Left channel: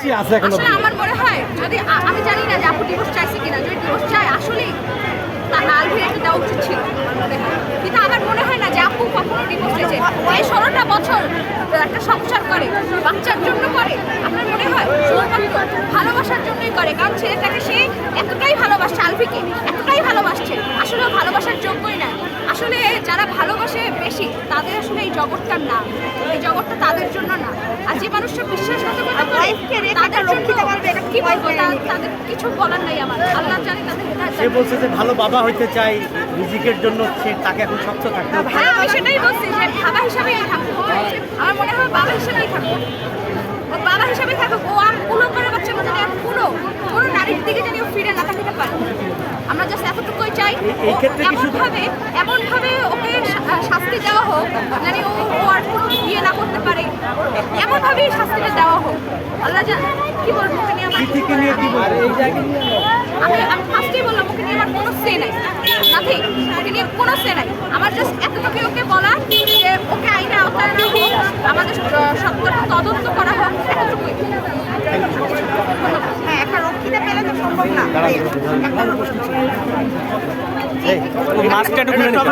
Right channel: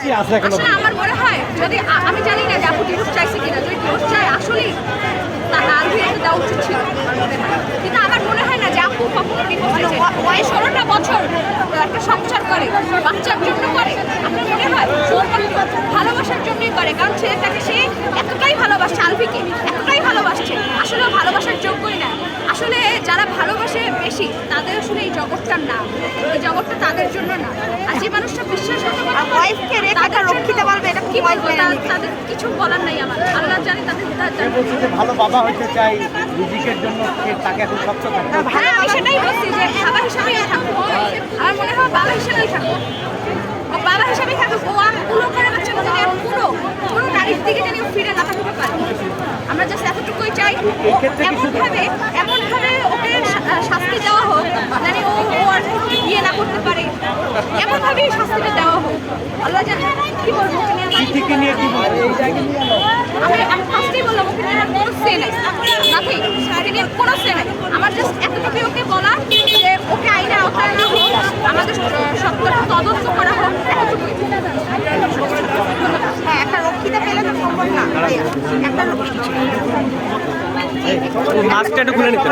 আসলে আমার মনে হয় যদি আমি জানি না যে আপু ডিভোর্স চাইছে কিনা, যদি ডিভোর্স চায় আসলেই আলভির একটা দেওয়া উচিত ছিল আমার মনে হয়। কিন্তু আমার মনে হয় না যে আপু কখনো ডিভোর্স চেয়েছে। এই 16টা বছর একটা সংসার করে বাচ্চার জন্য করে, আপনার মনে হয় শুধুমাত্র ভালোবাসার জন্যই করে? কারণ ছেলেটাকে সে এতটাই ভালোবাসছে, আলভিকে এতটাই ভালোবাসছে, আসলে ভালোবাসার যোগ্যই না। আসলে যারা ভালোবাসে বেশি তাদের আসলে এই জগৎটার না, এই জগৎটা তাদের জন্য না। আর যে মানুষটা বিশ্বাসঘাতকতা করে তাদের জন্য কি বলবো, তাদের কিছু বলার নাই আমার। আল্লাহ জানি তাদের ভালো বাবা হইতে চাই রিজিকের জন্য, সে তাকে এখন শক্ত করতে। হ্যাঁ, আমি সেটাই বলছি যে বাবা হিসাবেই থাকুক। আমার মনে হয় বাবা হিসাবেই থাকুক, ও বাবা হিসাবেই থাকুক। ও আর কুলো করে বাচ্চাটা জানি আর কোনো নারীর দিকে জানি ও ফিরে না থাকতে পারে। আমরা জাস্ট এতটুকুই চাই এমনভাবে ওকে শাস্তি দেওয়া হোক জানি ও আর কোনো বিয়ে না করতে পারে, এমনভাবেই শাস্তিটা দেওয়া হোক। আল্লাহ কি বলবো, ওকে নিয়ে আমি ফার্স্টেই বললাম ওকে নিয়ে আমার কোনো সে নাই, নাথিং, ওকে নিয়ে কোনো সে নাই। আমার জাস্ট এতটুকুই ওকে বলা যে ওকে আইনে আওতায় না হোক, আমাদের সত্যটা তদন্ত করা হোক, এতটুকুই। ধন্যবাদ। হ্যাঁ, একটা রক্ষিতা পেলে তো সম্ভব না ভাইয়া, একটা মাস্কটা একটু খুলে নিতে